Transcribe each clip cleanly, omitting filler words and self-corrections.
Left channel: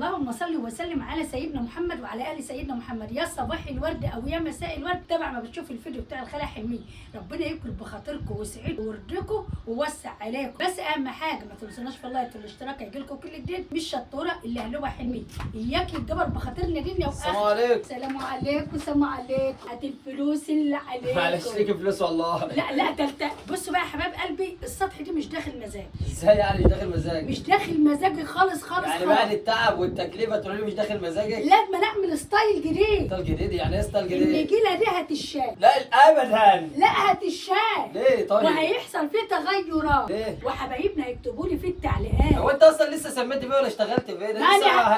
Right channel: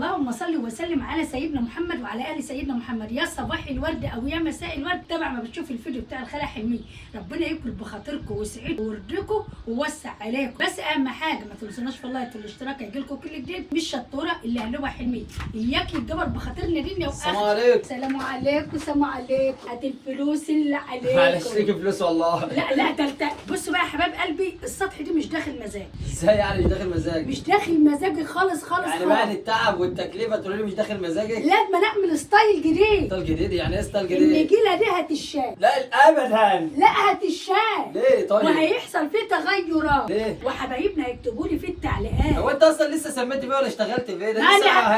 اللهم صل وسلم على سيدنا محمد وعلى ال سيدنا محمد. يا صباح الورد او يا مساء الورد، تبع ما بتشوف الفيديو بتاع الخالة حلمية. ربنا يكبر بخاطركم ويسعدكم ويرضيكم ويوسع عليكم. بس اهم حاجه ما تنسوناش في اللايك والاشتراك، هيجيلكم كل جديد. مش شطوره اللي قلبها حلمية، اياك يتجبر بخاطرنا دنيا واخره. السلام عليكم. السلام عليكم. السلام عليكم. هات الفلوس اللي عليكم. معلش ليكي فلوس والله. لا ده بصوا بقى يا حباب قلبي، السطح دي مش داخل مزاج. ازاي يعني مش داخل مزاج؟ مش داخل مزاجي خالص يعني بعد التعب والتكلفه تقولي لي مش داخل مزاجك؟ لازم نعمل ستايل جديد. ستايل جديد؟ يعني ايه ستايل جديد؟ النجيله دي هتشال. لا ابدا. لا هتشال. ليه طيب؟ وهيحصل فيه تغيرات. ليه؟ وحبايبنا هيكتبوا لي في التعليقات. هو انت اصلا لسه سميت بيه ولا اشتغلت فيه؟ ده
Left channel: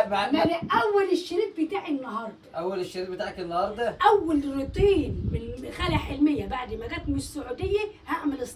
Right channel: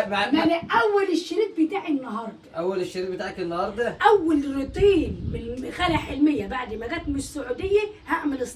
ما انا اول الشريط بتاعي النهارده. اول الشريط بتاعك النهارده؟ اول روتين من خالة حلمية بعد ما جت من السعوديه. هعمل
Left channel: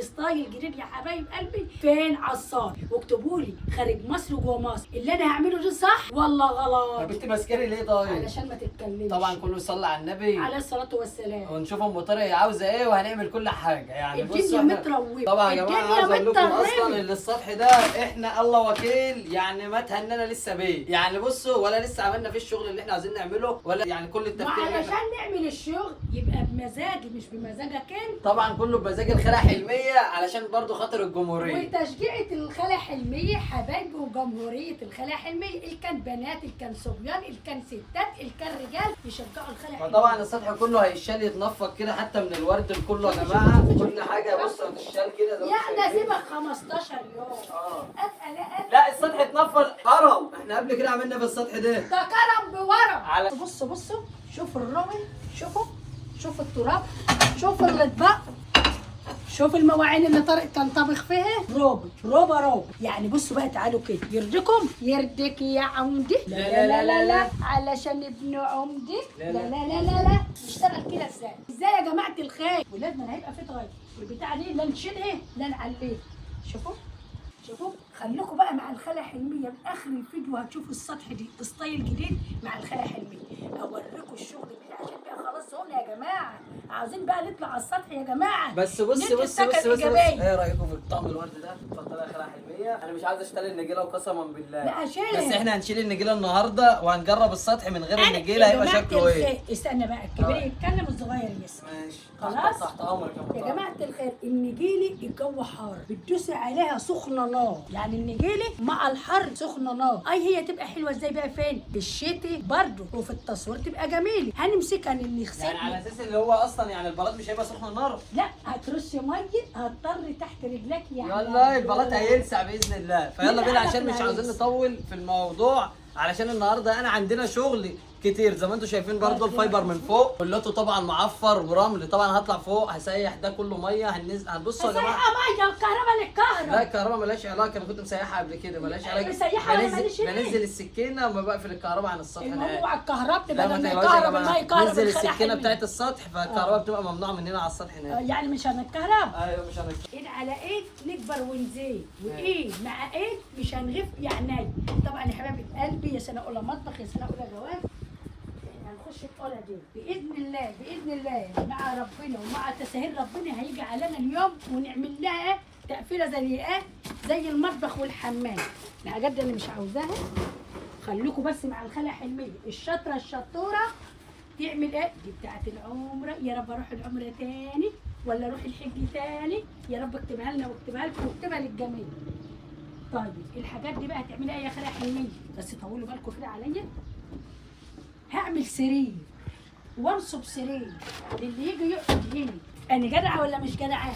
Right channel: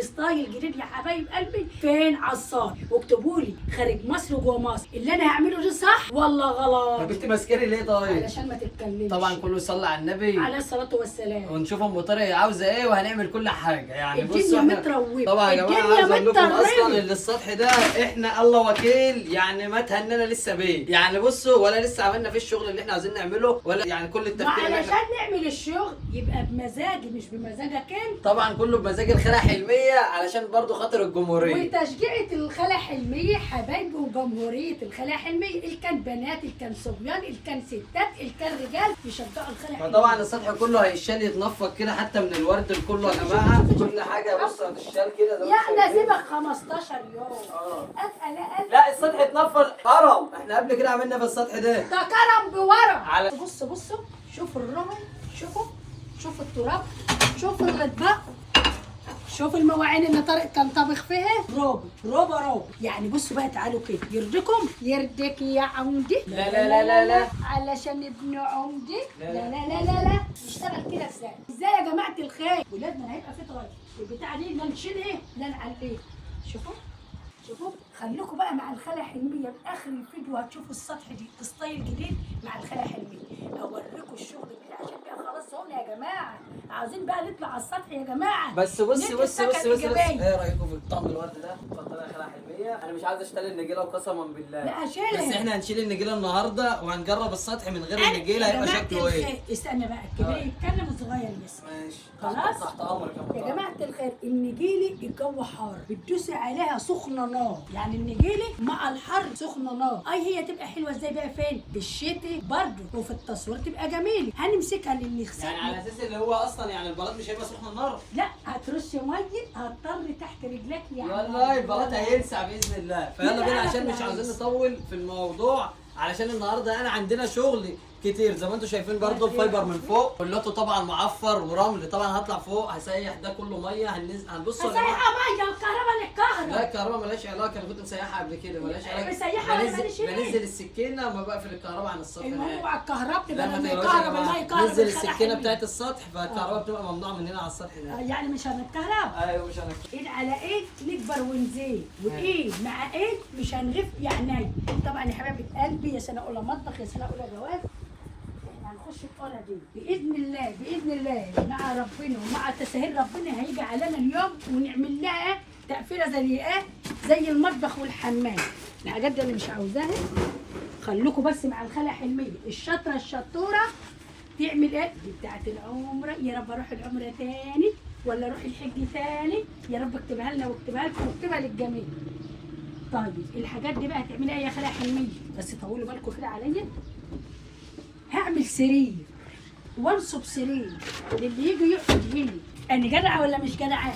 ستايل جديد يا حبايب قلبي. فين عصار؟ واكتبوا لي خارج مصر وجوه مصر، اللي انا هعمله ده صح ولا غلط؟ طب انت ماسكاني ليه طيب؟ علشان ما تتكلمش. طبعا كله يصلي على النبي عليه الصلاه والسلام. ونشوف ام طارق عاوزه ايه وهنعمل كل حاجه. يعني الدنيا متروبه. طبعا يا جماعه عايز اقول لكم اصلا ان السطح ده احنا الله وكيل يعني ما تهننا لسه بيه. يعني بصوا ولا لسه عملنا فيه الشغل اللي احنا عايزين نعمله ولا يعني كل التفكير علشان نعمل الشغل يبقى بمزاجي مش بمزاجك انت. طبعا كله بمزاج الخالة حلمية علشان برضو خاطر الجمهورية وتشجيعة الخالة حلمية حبايبي وجمهورية الخالة حلمية. اللي كان بنات، اللي كان صبيان، اللي كان ستات، اللي كان رجال يشجعوا الخالة حلمية. فطبعا السطح كله هيشال يتنفض كده حتى من الورد كله يا جماعة. كل حاجة بص هتشال كده زي ما يعني انتم اسيبك 15 يوم. لا السطح اتنفض كرم. احنا قبل كده عملنا في السطح ده كرم بورق. بصوا شوفوا الرمل، شوفوا التراب، شوفوا الاطباق، شوف المواعين اللي طارق كان طابخ فيها. روبا يعني. بصوا بقى تعالوا كده. يرضيكم؟ يرضيك يا عمدي؟ لا علشان ابن عمدي. لا نشتغل كده ازاي يا جماعه الخير؟ ولازم هيبقى في تغير. البتاعه دي لا نشيلها لا نعليها. شوفوا خليكم بقى مع الخالة حلمية لاخر الفيديو. هتشوفوا السطح دي ستايل جديد مع الخالة حلمية. اوريكم الشغل بتاعي عشان بقى خلاص هنا يا جماعه. عاوزين بقى نطلع على السطح يا جماعه. بس بص ايه رايكم في الطقم الورد ده؟ اتفضل يا خالة حلمية. انا مش عايز اشتري النجيله وقسما بالله. لا هشيلها. بس احنا هنشيل النجيله النهارده وهنجرب السطح من غير النجيله هيبقى شكله ايه. استنى بقى الكبير يتكلم والصغير يسمع. ماشي خلاص تحت امرك يا جماعه الخير. النجيله الجو حار بتدوسي عليها سخنه نار. يعني النجيله مع الحر سخنه نار. هي تبقى حلوه ازاي بقى؟ فين؟ في الشتاء برضه وفي التصوير تبقى جميله. هنمسكها نغسلها يعني على اساس اللي هو اصلا يعني البلاط مش هيبقى سخن النار. لا هترشي ميه هتضطر تحت رجلك يعني. يلا البلاط هيلسع باذن الله. فيلا بينا عشان مش عاوزين نطول في الموضوع علشان النهارده انا عندنا شغل كتير زي ما انتم شايفين. برضو الفايبر من فوق كلته طبعا معفر ورمل. طبعا هطلع فوق هسيح ده كله ميه. هنبصوا يا جماعه. مسيحه ميه والكهرباء للكهرباء. لا الكهرباء مالهاش علاقه. انا كنت مسيحها قبل كده مالهاش علاقه. مسيحها ولا ماليش بنزل السكينه وما بقفل الكهرباء عن السطح. الموضوع الكهرباء لا ما بدل ما تقلقوش يا جماعه. يكهرب نزل السكينه بتاعت السطح فالكهرباء بتبقى ممنوعه مننا على السطح هناك. يعني مش هنتكهرب. ايوه مش هنكهرب. ايد على ايد نكبر ونزيد، وايد مع ايد مش هنغف يعني. طبعا يا حبايب قلبي يا سنه اولى مطبخ يا سنه اولى جواز. احنا هنخش الأولى دي باذن الله مع ربنا ومع تسهيل ربنا. هيجي علينا اليوم ونعمل لها تقفيله زي ايه؟ زي المطبخ والحمام. الحاجات دي انا مش عاوزاها. خلوكوا بس مع الخالة حلمية الشطوره تعمل ايه؟ دي بتاعت العمره. يا رب اروح العمره تاني ولا اروح الحج تاني. يا رب اكتبها لنا واكتبها لكم واكتبها للجميع. طيب الحاجات دي بقى هتعملها يا خالة حلمية. بس طولوا بالكم كده عليا. هعمل سرير وانصب سرير للي يجي يقعد هنا. انا جدعه ولا مش جدعه؟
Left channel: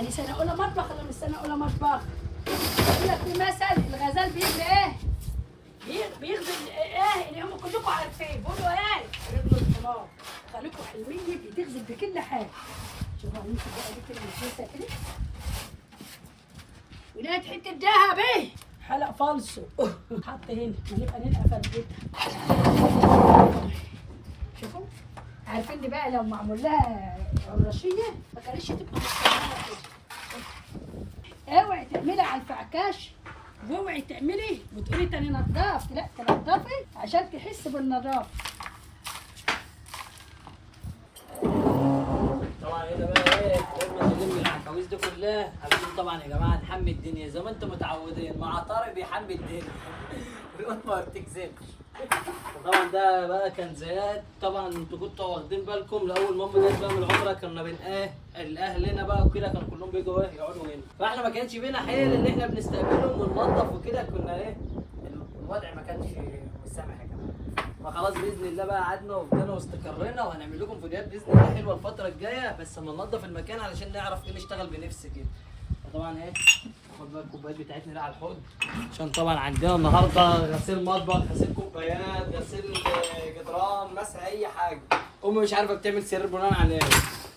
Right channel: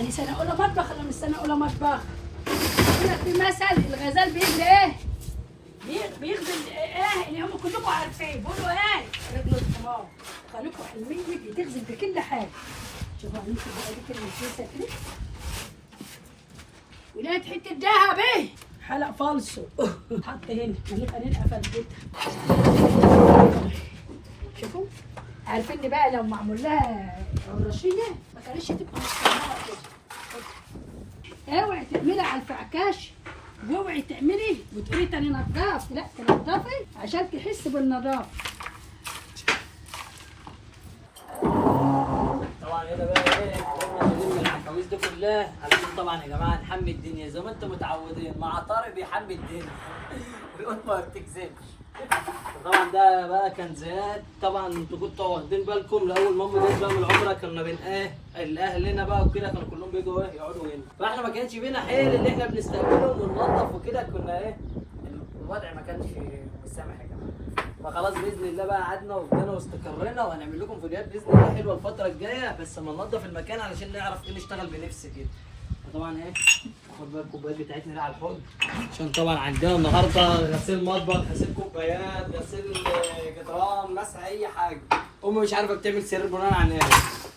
انا سنه اولى مطبخ ولا مش سنه اولى مطبخ؟ يقول لك في مثل الغزال بيجري ايه؟ بيغزل ايه اللي هم كلكم عارفين. بيقولوا ايه؟ رجل الحمار. خليكم حلوين بتغزل بكل حاجه. شوفوا ممكن بقى دي كلمه كويسه كده. ولقيت حته دهب ايه؟ حلق فالصو حط هنا. هنبقى ننقى فردتها. شوفوا عارفين دي بقى لو معمول لها الرشيه ما كانتش تبقى كده. اوعي تعملي على الفعكاش واوعي تعملي وتقولي تاني نضاف. لا تنضفي عشان تحسي بالنظافه. طبعا هنا بقى ايه لازم نلم العفاويس دي كلها علشان طبعا يا جماعه نحمي الدنيا زي ما انتم متعودين. مع طارق بيحمي الدنيا القط ما بتكذبش. طبعا ده بقى كان زياد. طبعا انتوا كنتوا واخدين بالكم لاول ما امي جت بقى من العمره كنا الاهلنا بقى وكده كانوا كلهم بيجوا يقعدوا هنا، فاحنا ما كانش فينا حيل اللي احنا بنستقبلهم وننظف وكده، كنا الوضع ما كانش مسامح يا جماعه. فخلاص باذن الله بقى قعدنا وفضلنا واستقرينا، وهنعمل لكم فيديوهات باذن الله حلوه الفتره الجايه، بس اما ننظف المكان علشان نعرف ايه نشتغل بنفس كده. طبعا ناخد بقى الكوبايات بتاعتنا دي على الحوض، عشان طبعا عندنا النهارده غسيل مطبخ، غسيل كوبايات، غسيل جدران، مسح اي حاجه. امي مش عارفه بتعمل سرير بناء على ايه،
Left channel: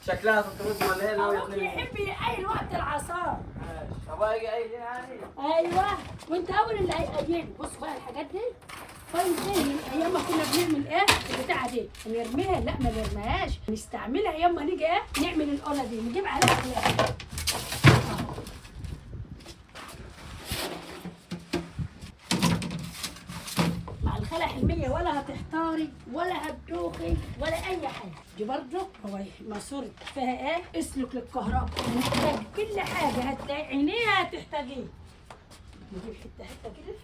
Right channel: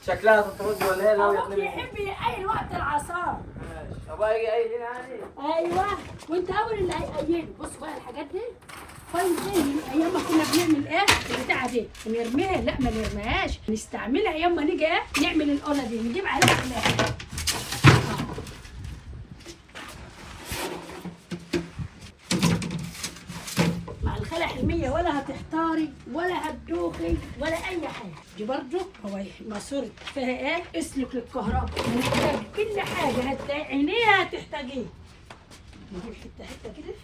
شكلها تترد ولا هي ابوك بيحب يقيل وقت العصار. ابويا يجي قايل يعني. ايوه وانت اول اللي هيقيله. بص بقى الحاجات دي كويس زي ايام ما كنا بنعمل ايه البتاعه دي ونرميها. لا ما نرميهاش، نستعملها ايام ما نيجي ايه نعمل القله دي نجيب عليها خلاف. مع الخلع حلميه ولا هتحتاري ولا هتدوخي ولا اي حاجه. دي برضه هو ماسوره فيها ايه اسلك للكهرباء، محتاج كل حاجه عينيها هتحتاجيه. نجيب حته حته كده.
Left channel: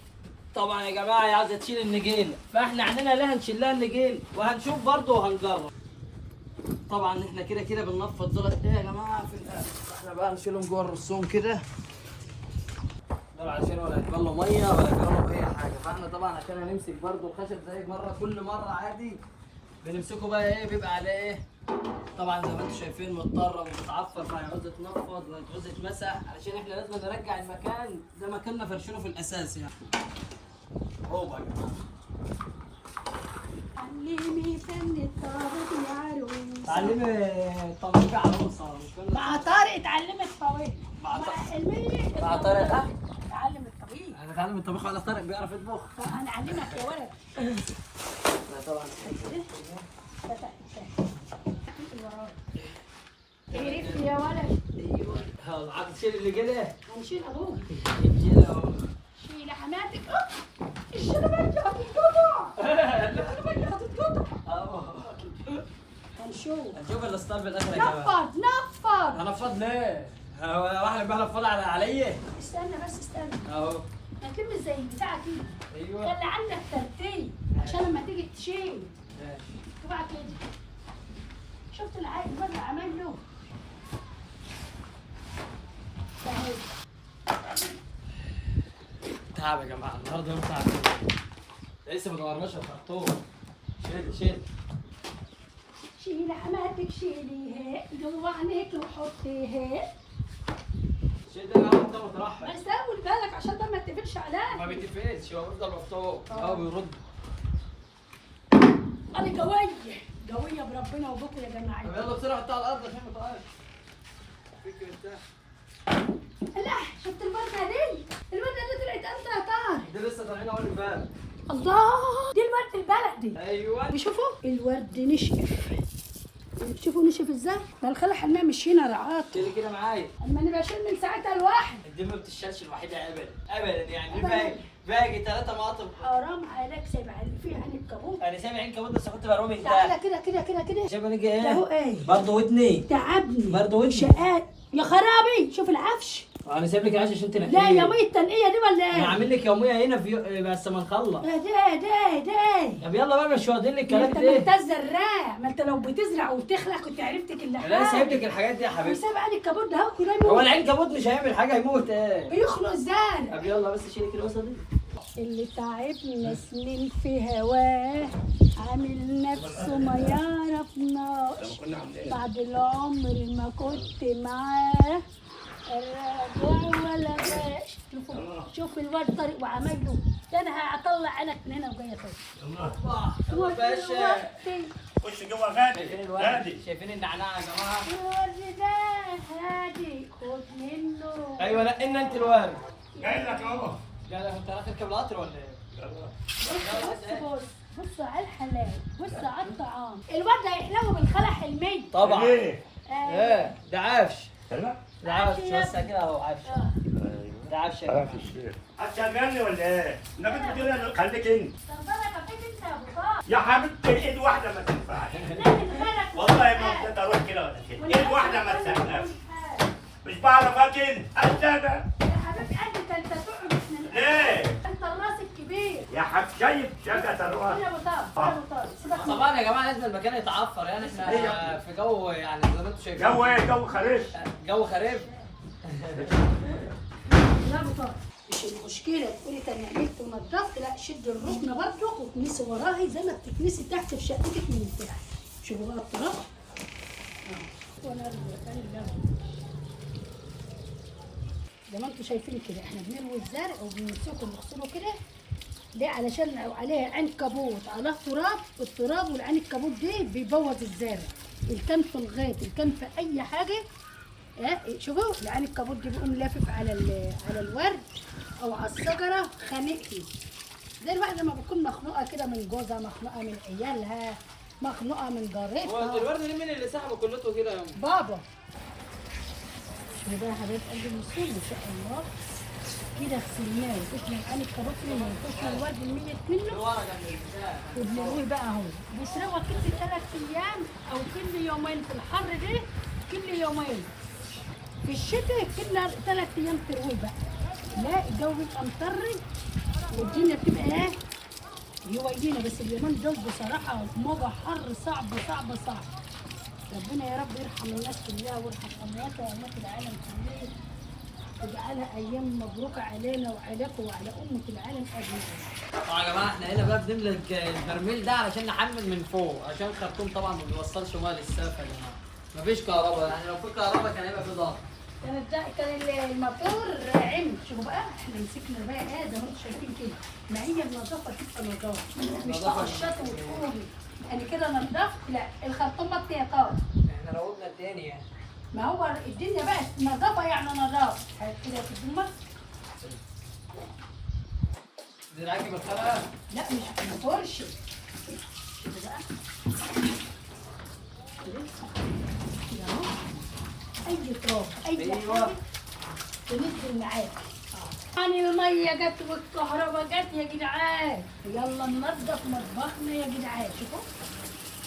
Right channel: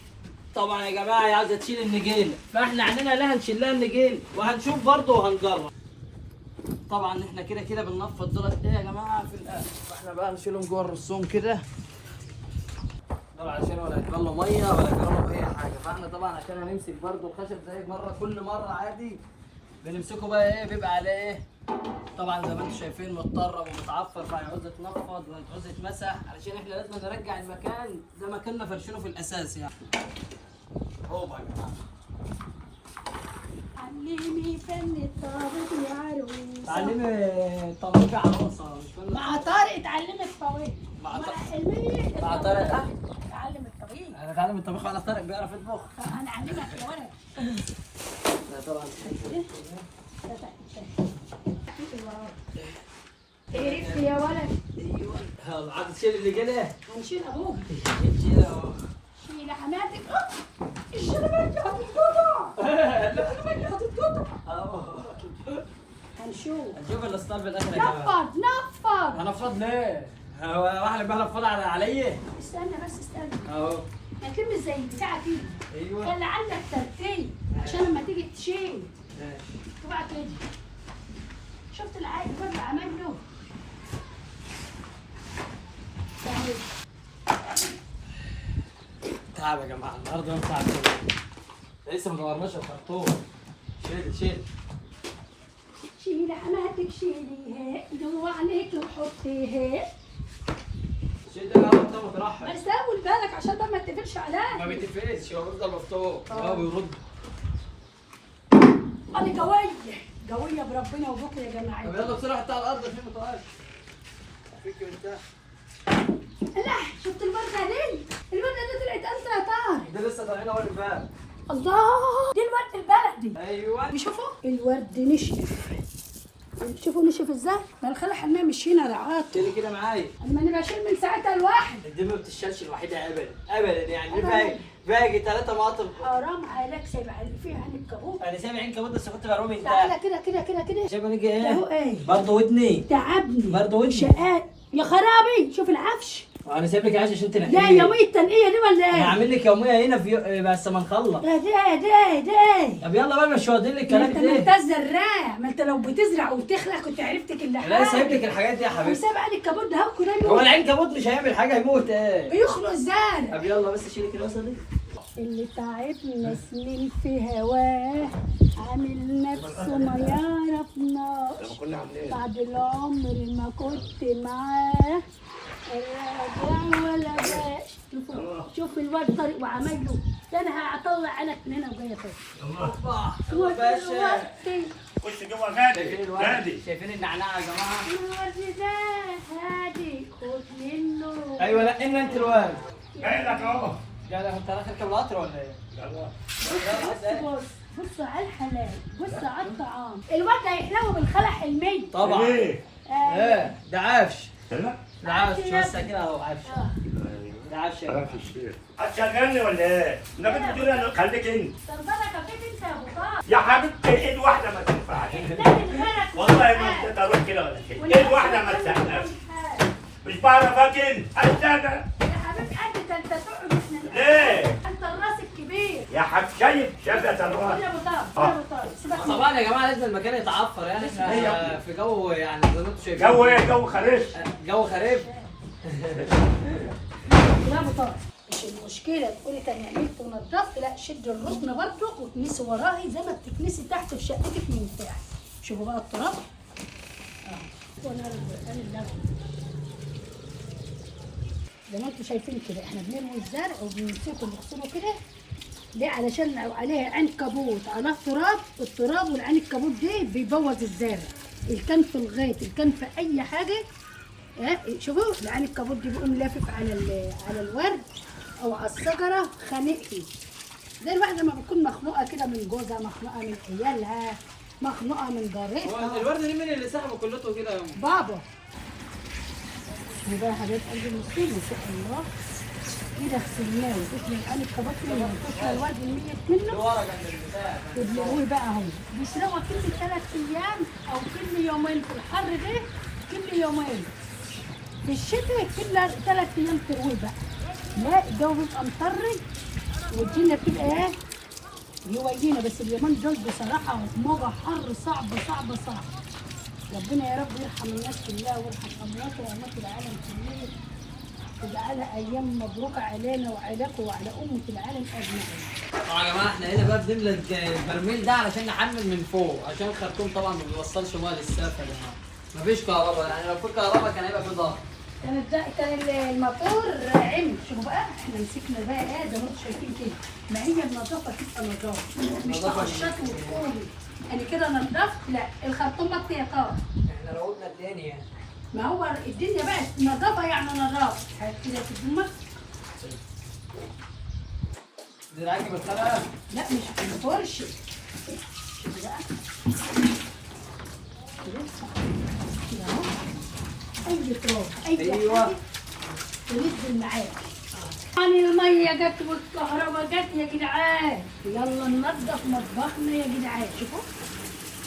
طبعا يا جماعه هي عايزه تشيل النجيله، فاحنا عندنا لا هنشيل لها النجيل وهنشوف برضه وهنجرب. طبعا احنا كده كده بننفض دولت ايه يا جماعه في الاخر، فاحنا بقى نشيلهم جوه الرسوم كده دول عشان ولا يتبلوا ميه ولا يتضربوا اي حاجه. فاحنا طبعا عشان هنمسك برضه الخشب زي كل مره عادي بنمسكه بقى ايه بيبقى عليه ايه. طبعا زي ما انتم شايفين متطرب ومتعفر، فهيعوز يتنفض وهيعوز يتمسح علشان احنا لازم نرجع المكان زي ما كنا فرشينه في الاساس يعني. هو يا جماعه علمي فن الطابق يا عروس. تعلمي طبيخ عروسه مش فن. مع طارق اتعلمت الطبيخ. مع حلمية مع طارق اتعلم الطبيخ. انا اتعلم الطبيخ على طارق بيعرف يطبخ. انا اعلمك يا ولد. لا طبعا عرفت يا ولد. ايوه عايز تشيل اللي جنيه. هنشيل ابوك. شيل اهو. شيل حماتك. الشنبه هتتقطع. هنشوف الاسطال بالاخر يا جماعه. نفض هنفض ليه؟ هو واحد بقى نفض عليا؟ استنى بس استنى. اهو هتلمس زي البتاعه دي. ايوه خلي عندك ترتيب عشان لما تيجي تشيل ماشي. تبقى كده. شفت العيل اللي عمل له؟ تعب يا جماعه النهارده يوم تعب. لسه ما دورناش الخرطوم. شيل شيل حماتك شيليها جوا عينيك وحطيها. شيل ده الأول طب مترحل. بس اول بالك عشان ده ما يتقفلش عليك. ما بيتقفلش هو بيفضل مفتوح. بيرد. انا قويه بربنا وبكره يا جماعه. طب يلا بسرعه حطها على الارض عشان ما تقعش. فيك انت. لا شفت الورده دي؟ الورده دي طلعت انت يا طارق. دي لسه طالعين اول امبارح. الله دي الورد البلدي. ايوه بيشوفوا الورد نشف. شوفوا نشف ازاي؟ ما الخلع احنا مش هنا رعاته. شيلي كده معايا. اما انا بشيل من ساعتها الواحد. دي ما بتشالش الوحيده ابدا يعني. باقي 3 مقاطم. حرام عليك سايب فيها عين الكابوت. انا سامع عين كمان بس كنت برمي تعالى كده شايف انا جاي ده هو ايه؟ ايه؟ برضه ودني تعبني برضه ودني. شقات يا خرابي. شوف العفش. انا سايب لك عاش عشان تنقيه. لا يومية التنقية دي ولا انا ايه؟ هعمل لك يوميه هنا بس ما نخلص. ده طب يلا بقى مش واخدين لك ما الكلام انت ده. ما انت زراع. ما انت لو بتزرع وتخلق كنت عرفت كل حاجة. لا سايب لك الحاجات دي يا حبيبتي. سايب عين الكابوت ده كده هو يموت. العين كابوت مش هيعمل حاجه هيموت ايه؟ بيخلق الزرع. طب يلا بس شيلي كده الوسط دي. اللي تعبنا سنين في هواه عامل نفسه ما يعرفناش. بعد العمر ما كنت معاه الراجع ولا باش. شوف الواد طارق وعمل له ده. انا هطلع عينك من هنا وجايه فوق. الله باشا. خش جوه غادي غادي. شايفين النعناع يا جماعه؟ الورد ده هادي خد منه. ايوه لا انت الوارد. جاي لك اهو. لا انت رايح تركب القطر ولا ايه؟ بص على الحلال. بص على الطعام. الواد هيحلو بالخلع حلمي. طبعا. ايه؟ ايه ده عفش. لا ده عفش بس كده اهو عفش. ده عفش يا جماعه. هتشغلني ولا ايه؟ انا كنت بتقول انا خليك انت. صندلك فين انت يا ابو طارق؟ يا حبيبتي ايد واحده ما تنفعش. لكن غيرك والله ما انت تروح كده ولا كده. ايد واحده ما تساعدناش. مش بعرف اكل. استنى. يا حبيبي انت تقعد. ليه؟ انت الراس الكبير. يا حاج شايف يا طارق. يا ابو طارق يا ابو طارق سيبك من- طبعا يا جماعه لازم المكان يتعفر، يعني احنا في جو يعني زي ما انتم شايفين. جو ايه؟ جو خريف. جو خريف. يا ابو طارق مش المشكله تقولي تاني عملت ونضفت، لا شد الركنه برضه وتكنسي وراهي زي ما بتكنسي تحت في شقتك من تحت. شوفوا بقى التراب وانا زي ما انتم شايفين كده احنا بنروي الزرع وبنمسكه ونغسله كده ليه؟ علشان لو عليها عنكبوت على تراب، التراب والعنكبوت دي بيبوظ الزرع، اللي كان في الغيط اللي كان في اي حاجه. شوفوا العنكبوت دي بيقوم لافف على الورد او على الشجره خانقه، زي الواحده لما بتكون مخنوقه كده من جوزها، مخنوقه من عيالها، مخنوقه من جارتها. الورد دي مين اللي سحبه كلته كده يا أم؟ بابا شوفوا بقى يا حبايب قلبي المسلمين ان شاء الله كده غسلناه وضفنا العنكبوت منه وضفنا الورد الميت منه وبنرويه بقى اهو. بيسرقوا كل 3 ايام او كل يومين في الحر ده، كل يومين في الشتاء كل 3 ايام ترويه بقى. لا الجو بيبقى مطري والدنيا بتبقى ايه يوينا، بس اليومين دول بصراحه موجه حر صعبه صعبه صعبه. ربنا يا رب يرحم الناس كلها ويرحم اموات واموات العالم كله ويجعلها ايام مبروكه علينا وعليكم وعلى امه العالم اجمعين. يا جماعه احنا هنا بقى بنملى البرميل ده علشان نحمل من فوق، عشان الخرطوم طبعا ما بيوصلش ميه للسقف يا جماعه. مفيش كهرباء، يعني لو في كهرباء كان هيبقى في ضغط. كان الموتور عمل. شوفوا بقى احنا مسكنا بقى ايه زي ما انتم شايفين كده، ما هي النظافه تبقى نظافه مش تقشطي وتقومي يعني كده نضفت، لا الخرطوم بس يا طار. احنا روضنا الدنيا يعني. ما هو الدنيا بقى نظافه يعني نظافه كده تدومك. دي العجب الخلقه؟ لا مش الفرش. شوفوا بقى كده اهو اي تراب اي حاجه تنزل معاك. يعني الميه جت والكهرباء جت يا جدعان، يلا ننضف مطبخنا يا جدعان.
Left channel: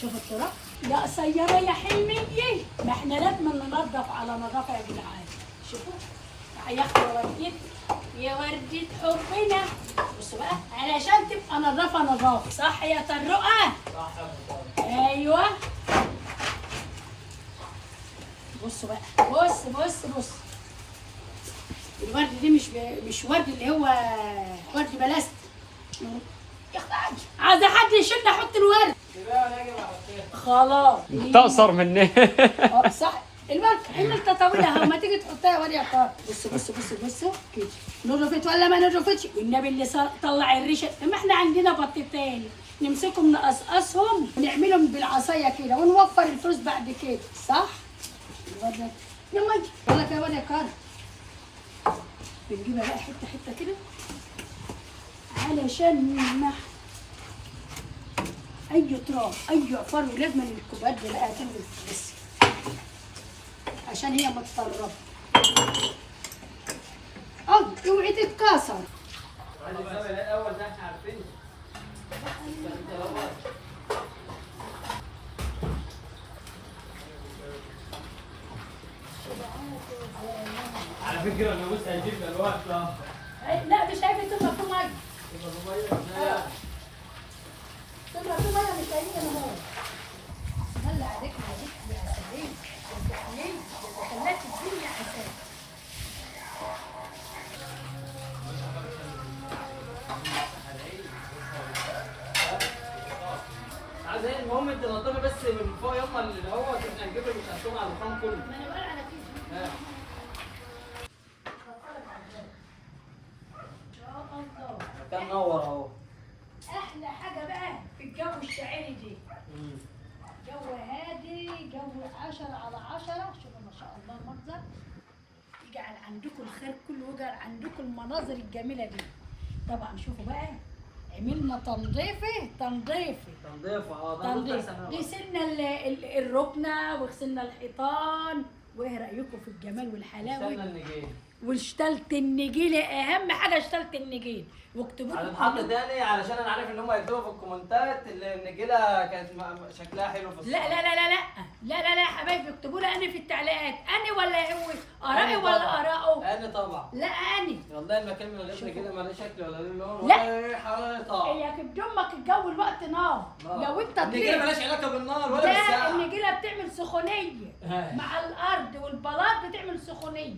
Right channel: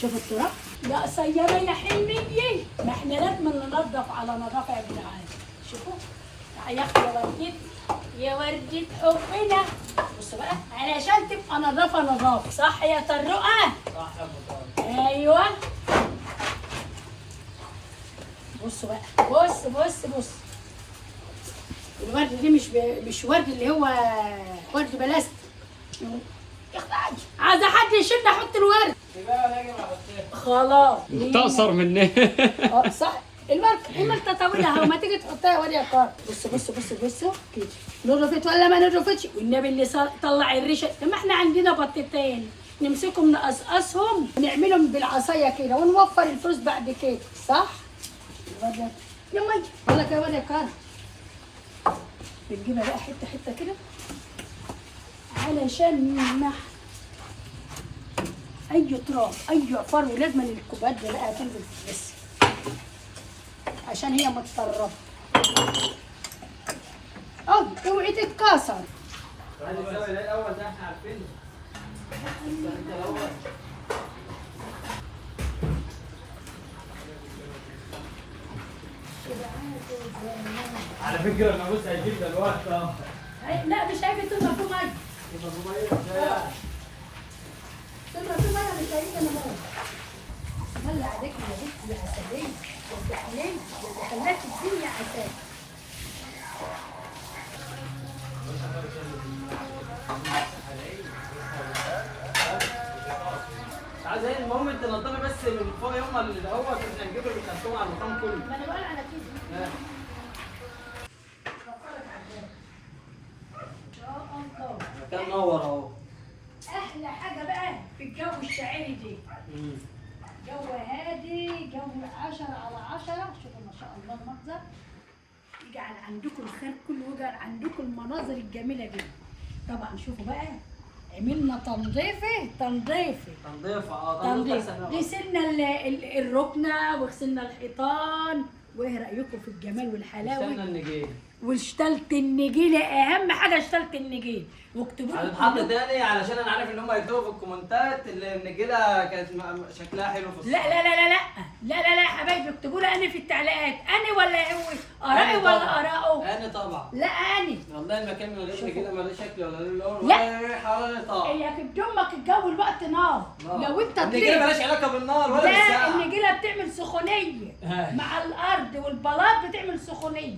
شوفوا التراب يا قصيره يا حلميه، ما احنا لازم ننضف على نظافه يا جدعان. شوفوا يا اختي وردت يا وردة حبنا. بصوا بقى علشان تبقى نظافه نظافه، صح يا طرقه؟ صح يا ابو طارق. ايوه بصوا بقى بص الورد دي مش ورد اللي هو ورد بلاستيك. يا اختي عايزه حد يشيل احط الورد. دي بقى راجل على السقف. خلاص تقصر مني. صح الورد عملت طويله اهو، ما تيجي تحطها ورد يا طارق. بصوا كده نضفت ولا ما نضفتش، والنبي اللي طلع الريشه. ما احنا عندنا بطتين نمسكهم نقصقصهم ونعملهم بالعصايه كده ونوفر الفلوس بعد كده، صح؟ يلا والله كده ولا كان بنجيبها بقى حته كده علشان نمنع اي تراب اي عفار، ولازم الكوبايات دي بقى تنزل بس عشان هي متطربه. اوعي تتكسر. الزاويه الاول ده احنا عارفينه. على فكره انا بص هيجيب دلوقتي لا مش هيجي تضرب فيه ميه. تضرب فيه ميه مش هيجي انا ميه. هلا عليك يا بنتي يا عسليه يا تحليل يا خلاك الدنيا عسل. عايز ايه المهم انت نضفي بس من فوق يوم اللي دوت احنا نجيب الخرطوم على المكان كله. ما انا بقول على كده. ان شاء الله. كان نور اهو. احلى حاجه بقى في الجو الشاعري دي. جو هادي، جو 10/10. شوفوا ما شاء الله المنظر. يجعل عندكم الخير كله ويجعل عندكم المناظر الجميله دي. طبعا شوفوا بقى عملنا تنظيف غسلنا الركنه وغسلنا الحيطان. وايه رايكم في الجمال والحلاوه؟ واشتلت النجيل، اهم حاجه اشتلت النجيل. واكتبوا لي هتتحط تاني علشان انا عارف ان هم يكتبوا في الكومنتات اللي النجيله كانت شكلها حلو في الصور. لا يا حبايبي اكتبوا لي انا في التعليقات انا ولا هو ارائي ولا اراءه. انا طبعا لا انا والله المكان من غير نجيله مالوش شكل ولا له لون لا. ولا ريحه على نطاق. هي كبدمك الجو الوقت نار. لو انت النجيله مالهاش علاقه بالنار ولا لا بالساعه. النجيله بتعمل سخونيه مع الارض والبلاط بتعمل سخونيه.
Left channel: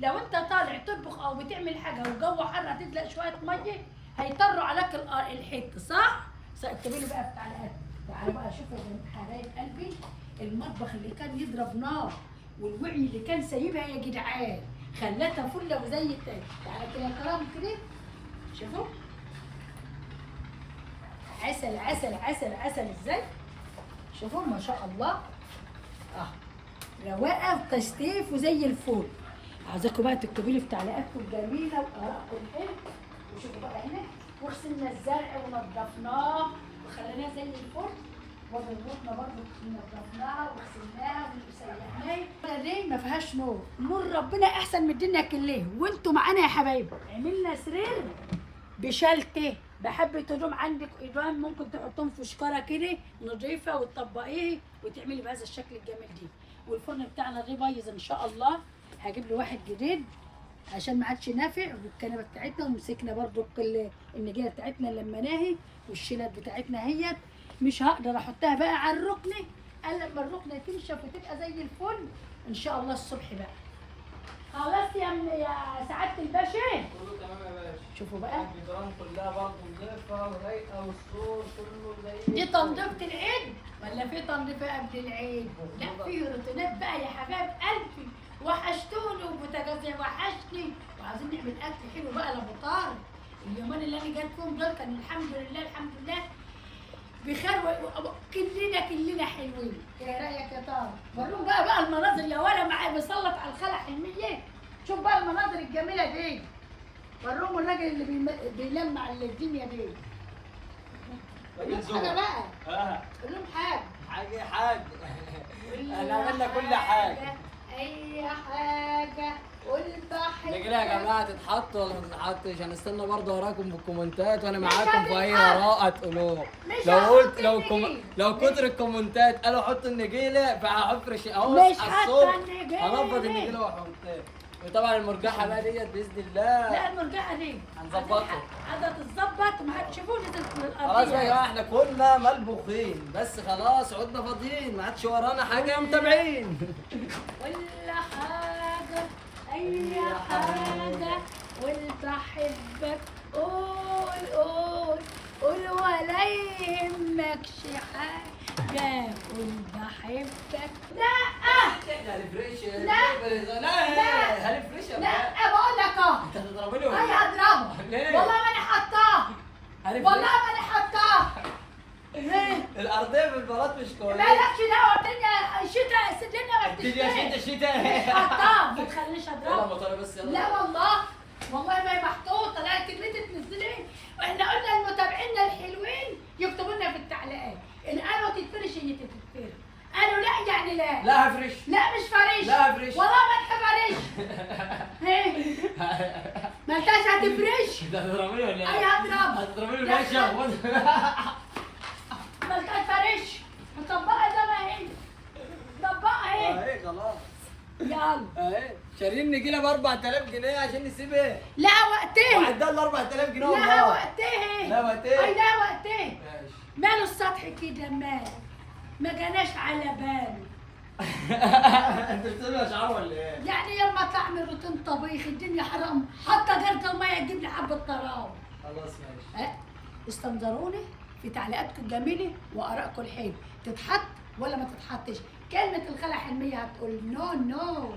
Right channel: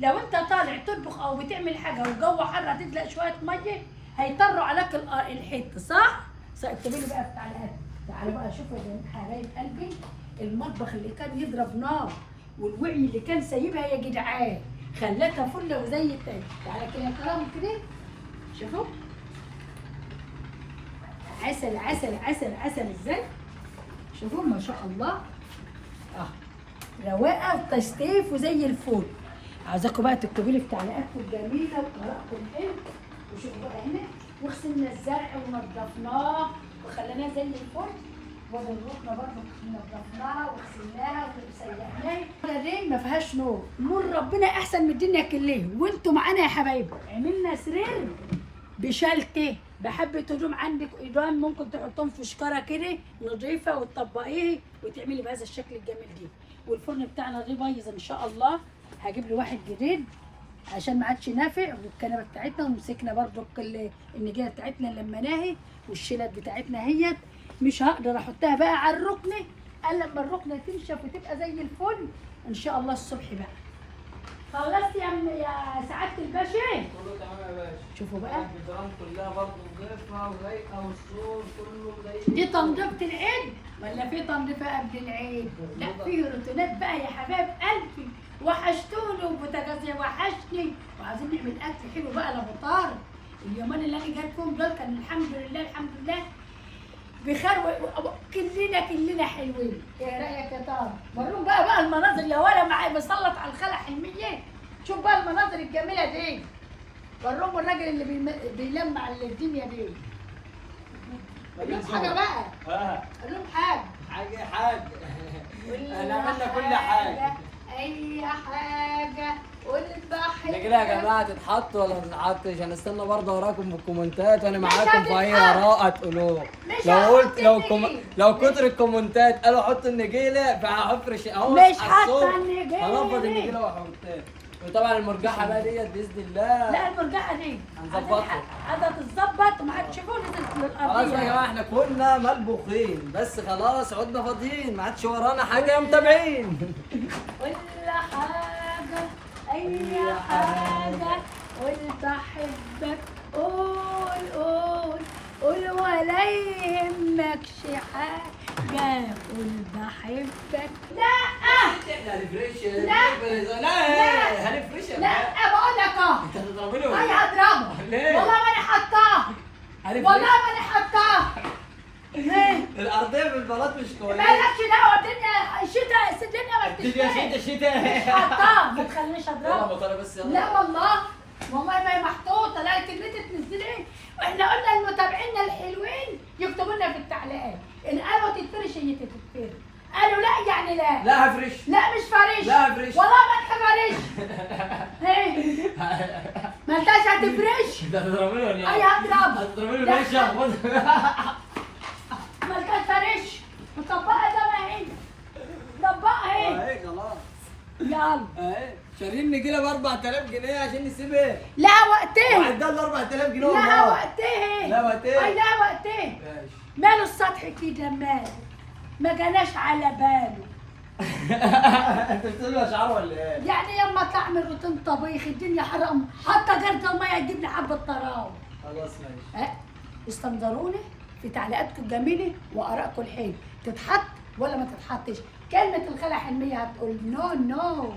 لو انت طالع تطبخ او بتعمل حاجه والجو حر هتدلق شويه ميه هيطروا عليك الحته صح؟ اكتبوا لي بقى في التعليقات. تعالوا بقى شوفوا يا حبايب قلبي المطبخ اللي كان يضرب نار والوعي اللي كان سايبها يا جدعان خلتها فله وزي التاني. تعالى كده يا كرام كده شوفوا عسل عسل عسل عسل ازاي. شوفوا ما شاء الله رواقه وتستيف وزي الفل. عايزاكم بقى تكتبوا لي في تعليقاتكم الجميله وطريقتكم حلو. وشوفوا بقى هنا وغسلنا الزرع ونضفناه وخليناه زي الفل. وبنروحنا برضه نضفناها وغسلناها وسيحناها. دي ما فيهاش نور، نور ربنا احسن من الدنيا كلها. وانتوا معانا يا حبايبي عملنا سرير بشلته بحبة هدوم عندك ايضان ممكن تحطهم في شكاره كده نظيفه وتطبقيه وتعملي بهذا الشكل الجميل دي. والفرن بتاعنا ده بايظ ان شاء الله هجيب له واحد جديد عشان ما عادش نافع. والكنبه بتاعتنا ومسكنا برضو النجيله بتاعتنا لمناهي والشيلات بتاعتنا هيت مش هقدر احطها بقى على الركنه الا لما الركنه تنشف وتبقى زي الفل ان شاء الله الصبح بقى. خلصت يا سعاده الباشا؟ كله تمام يا باشا. شوفوا بقى الجدران كلها برضه نظيفه ورايقه والسور كله زي دي تنظيفه العيد ولا في تنظيفه قبل العيد؟ لا في روتينات بقى يا حبايب قلبي. وحشتوني وبوتاجازي وحشني وعايزين نعمل اكل حلو بقى لابو طارق. اليومين اللي انا جايبكم دول كان الحمد لله الحمد لله بخير كلنا حلوين. ايه رايك يا طارق؟ وريهم بقى المناظر يا ولا معايا مسلط على الخلع حلميه. شوف بقى المناظر الجميله دي. وريهم الراجل اللي بيلمع الدنيا دي. قول حاجه بقى. قول لهم حاجه. انا عملنا كل حاجه. اي حاجه والبحر. ده كده يا جماعه تتحط ولا ما تتحطش؟ هنستنى برضه وراكم بالكومنتات وانا معاكم في اي اراء تقولوه. لو كتر الكومنتات قالوا حطوا النجيله فهفرش اهو مش حاطه النجيله. هنفض النجيله وهحطها. وطبعا المرجحه بقى ديت باذن الله. لا المرجحه دي هنظبطها. قاعده تتظبط وما حدش يشوفوا نزلت للارض. خلاص يا جماعه احنا كنا ملبوخين بس خلاص عدنا فاضيين ما عادش ورانا حاجه يا متابعين. ولا حاجه اي حاجه قول بحبك قول ولا يهمكش حاجه قول بحبك. لا هنفرش لا هنفرش لا بقول لك انت هتضربني ولا اي ايه؟ هضربه ليه؟ والله ماني حطاه والله ماني حطاه. الارضيه بالبلاط مش كويس. مالكش دعوه الدنيا شتاء الدنيا ما بتشتاش. شتاء مش حطاه ما تخلينيش يلا اضربه. بطاريه بس يلا. لا والله ما هي محطوطه. لا كلمتي تنزلي ايه. واحنا قلنا لمتابعينا الحلوين يكتبوا لنا في التعليقات ان قالوا تتفرش هي تتفرش. قالوا لا يعني لا. لا هفرش. لا مش فرش. لا هفرش. والله ما تفرش. ايه ما انتش هتفرش. انت هتضربني ولا ايه؟ اي هضرب. هتضربني ولا ايه؟ ما انتش فرش. مطبقه زي ما هي. مطبقه اهي. اهي خلاص. يلا اهي شارين نجيله ب 4000 جنيه عشان نسيبها. لا وقتها. وعدها ال 4000 جنيه لا والله. وقتها. لا وقتها. اي لا وقتها. ماشي. ماله السطح كده ما جاناش على باله. انت بتقولي اشعار ولا ايه؟ يعني يما اطلع اعمل روتين طبيخ الدنيا حرام حتى جرد الميه تجيب لي حبه طراوه. خلاص ماشي. استنظروني في تعليقاتكم الجميله وارائكم الحلوه تتحط ولا ما تتحطش. كلمه الخلع حلميه هتقول نو. نو